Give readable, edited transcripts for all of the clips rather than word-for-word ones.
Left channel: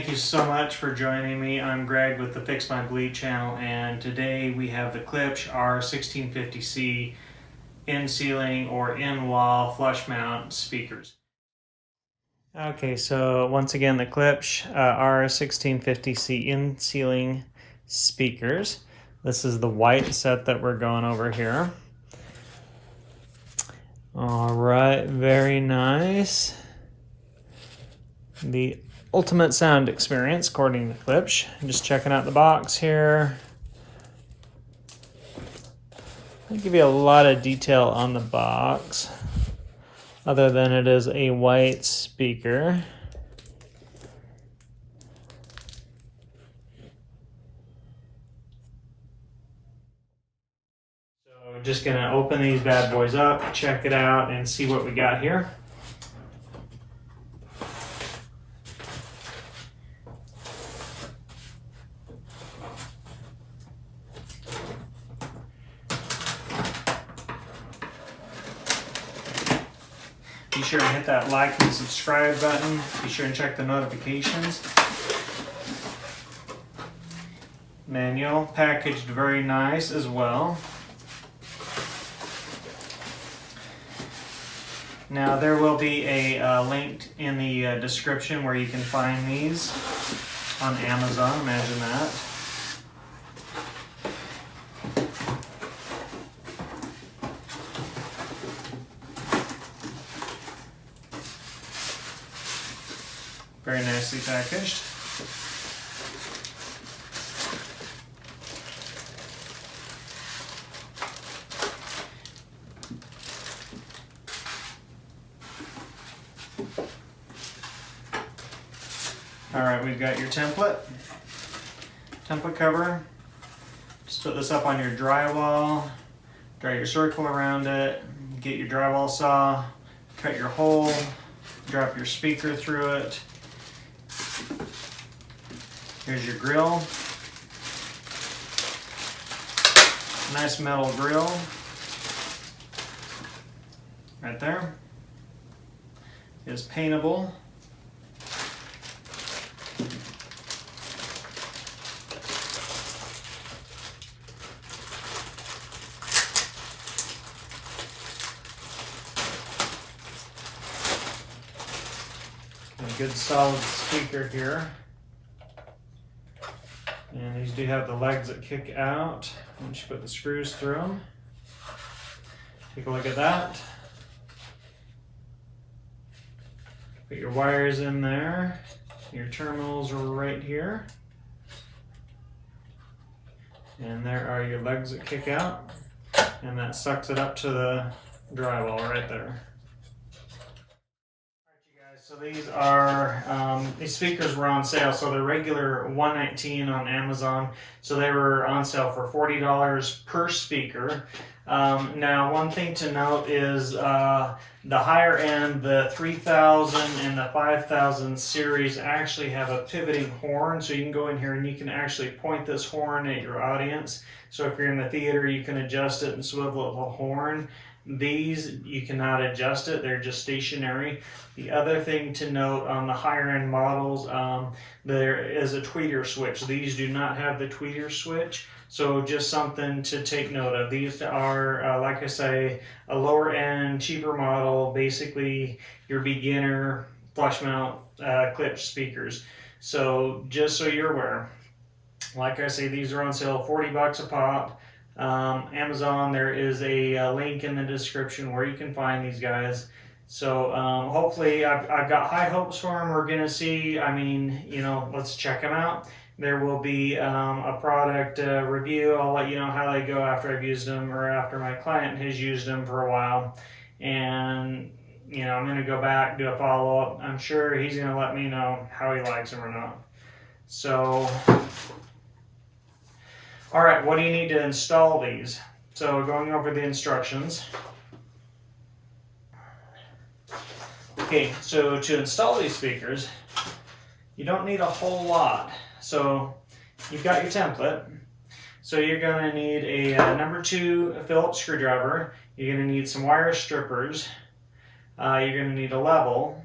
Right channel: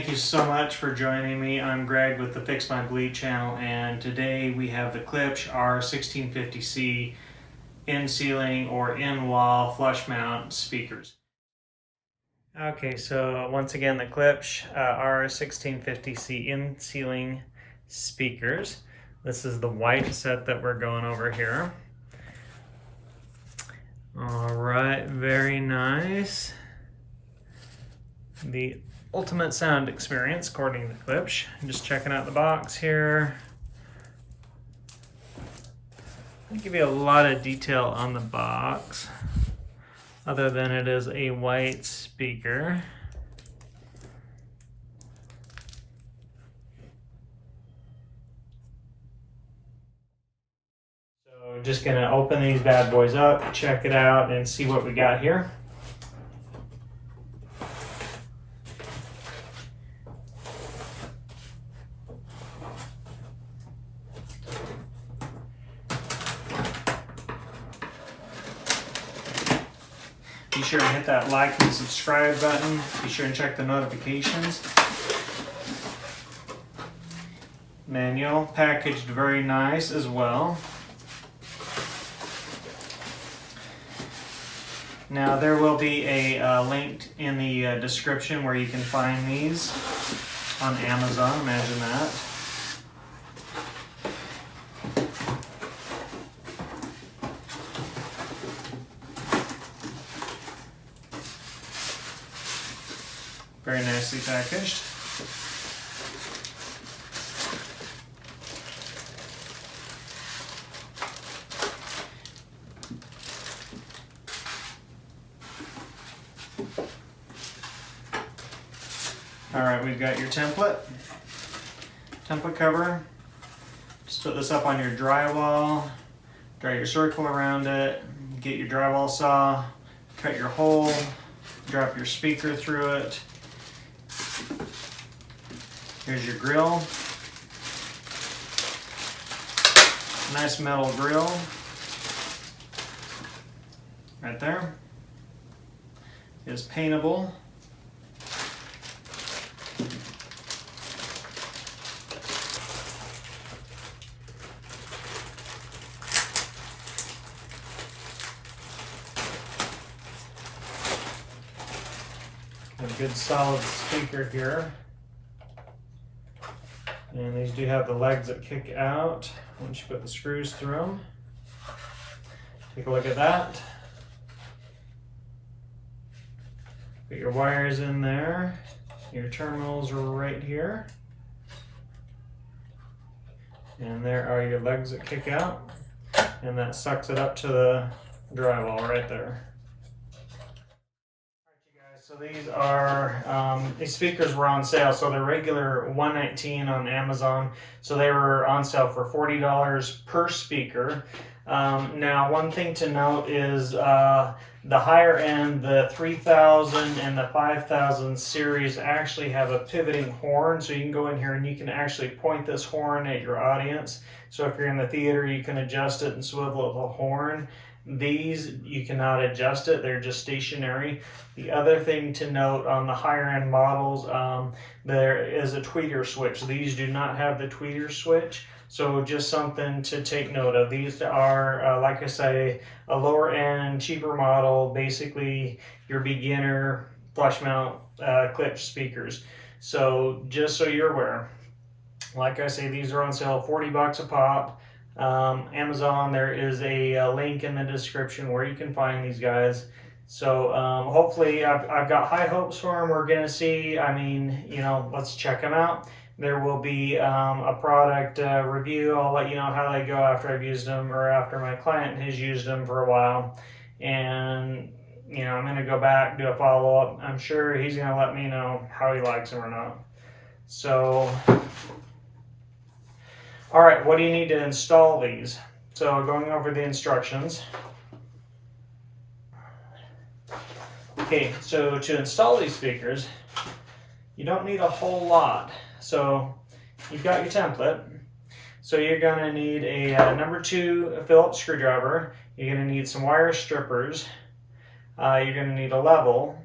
Thank you so much for joining me. I'm Greg with the Fix My Bleed channel, and today we have the Klipsch R-1650-C in-ceiling or in-wall flush mount speakers. Okay, so once again the Klipsch R-1650-C in-ceiling speakers. This is the white set that we're going over here. All right, very nice. The ultimate sound experience, according to Klipsch. I'm just checking out the box here. I'll give you a lot of detail on the box, other than it is a white speaker. So just gonna open these bad boys up, check it out, and see what we got here. Be sure to hit that like and subscribe button. Be sure and check the notifications. Manual, packaged very nice as well. Now there will be a link in the description where you can find these on Amazon, imagine that. Very nicely packaged. All right, we've got your template cover. Just put this up on your drywall, draw your circle around it, get your drywall saw, cut your hole, drop your speaker through it. Here's your grill. Nice metal grill. Right there. Is paintable. A good solid speaker here. And these do have the legs that kick out once you put the screws through them. Take a look at that. Put your wires in there. Your terminals are right here. And there are your legs that kick out. And that sucks it up to the drywall right there. So these speakers were on sale. So they're regular $119 on Amazon. So they were on sale for $40 per speaker. Now, one thing to note is the higher end, the 3000 and the 5000 series actually have a pivoting horn. So you can go in here and you can actually point this horn at your audience. So if you're in the theater, you can adjust it and swivel the horn. These, you cannot adjust it, they're just stationary. The other thing to note on the higher end models, there is a tweeter switch. These do not have the tweeter switch, so just something to take note of. These are, like I say, a lower end, cheaper model, basically your beginner flush mount Klipsch speakers. So just so you're aware, like I say, these are on sale, 40 bucks a pop. Amazon, there is a link in the description where you can find these guys. So hopefully I've got high hopes for them. We're going to see, I mean, you know, let's check them out. There will be a product review. I'll let you know how they go after I've used them or after my client has used them for a while. And, you know, I'm going to go back, do a follow-up. I'm sure he's going to let me know how he likes them or not. So, all right, what do you need to install these? So going over the instructions. Okay, so to install these speakers, you don't need a whole lot. So you've got your template. So you're gonna need a number 2 Phillips screwdriver. You're gonna need some wire strippers. You're gonna need a level.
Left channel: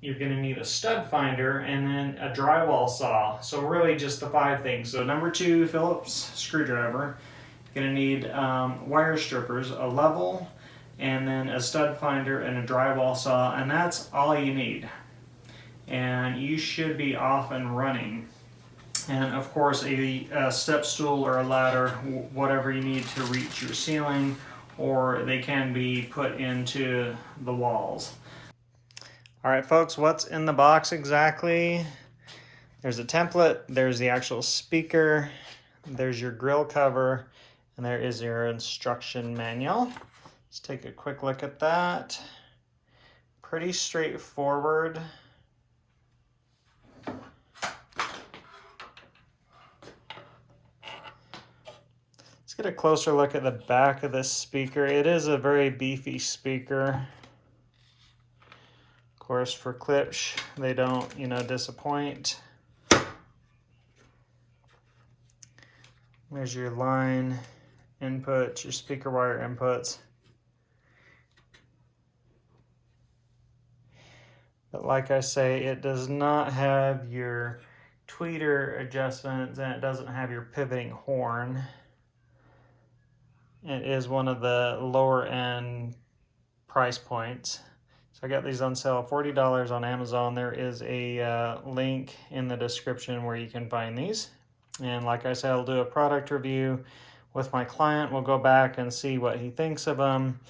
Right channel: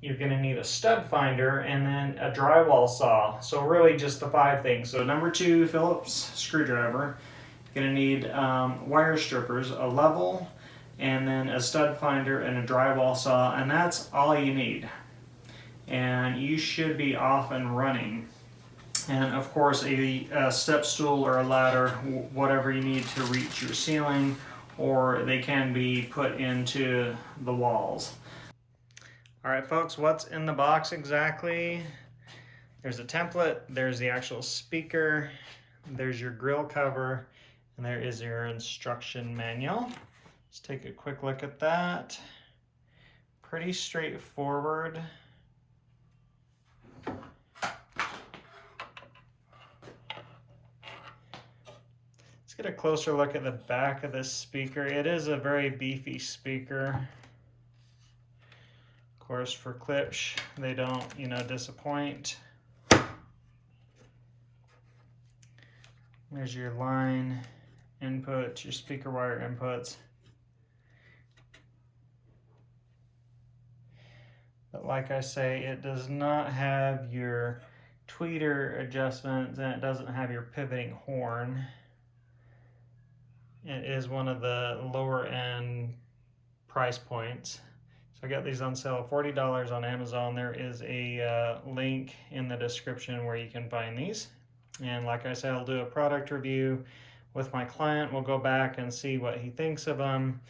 you're going to need a stud finder and then a drywall saw. So really just the 5 things. So number 2, Phillips screwdriver. You're going to need wire strippers, a level, and then a stud finder and a drywall saw, and that's all you need. And you should be off and running. And of course a step stool or a ladder, whatever you need to reach your ceiling, or they can be put into the walls. All right, folks, what's in the box exactly? There's a template, there's the actual speaker, there's your grill cover, and there is your instruction manual. Let's take a quick look at that. Pretty straightforward. Let's get a closer look at the back of this speaker. It is a very beefy speaker. Of course, for Klipsch, they don't, disappoint. There's your line inputs, your speaker wire inputs. But like I say, it does not have your tweeter adjustments, and it doesn't have your pivoting horn. It is one of the lower end price points. So I got these on sale, $40 on Amazon. There is a link in the description where you can find these. And like I said, I'll do a product review with my client. We'll go back and see what he thinks of them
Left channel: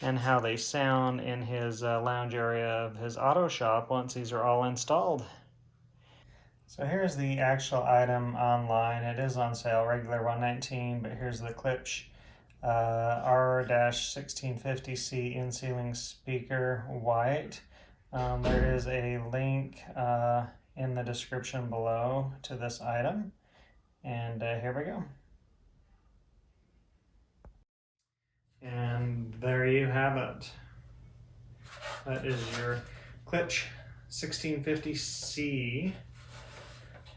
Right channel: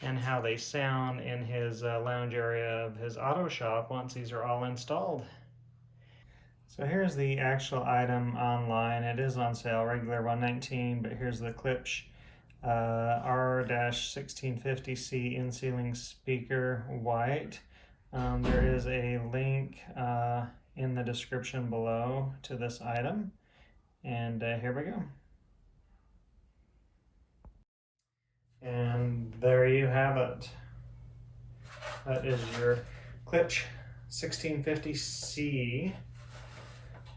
and how they sound in his lounge area of his auto shop once these are all installed. So here's the actual item online. It is on sale, regular $119, but here's the Klipsch R-1650-C in-ceiling speaker, white. There is a link in the description below to this item, and here we go. And there you have it. That is your Klipsch 1650-C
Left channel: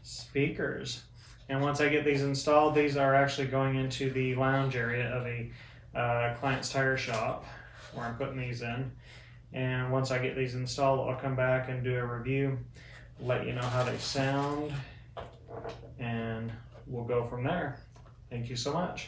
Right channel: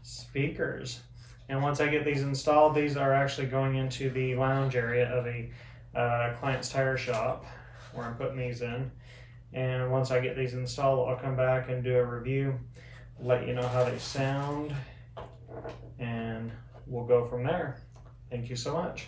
speakers. And once I get these installed, these are actually going into the lounge area of a client's tire shop where I'm putting these in. And once I get these installed, I'll come back and do a review, let you know how they sound, and we'll go from there. Thank you so much.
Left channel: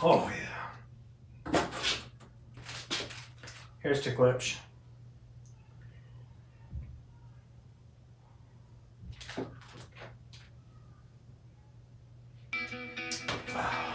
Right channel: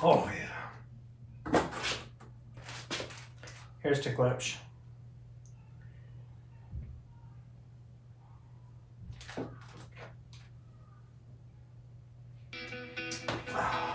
Oh yeah. Here's to Klipsch. Wow.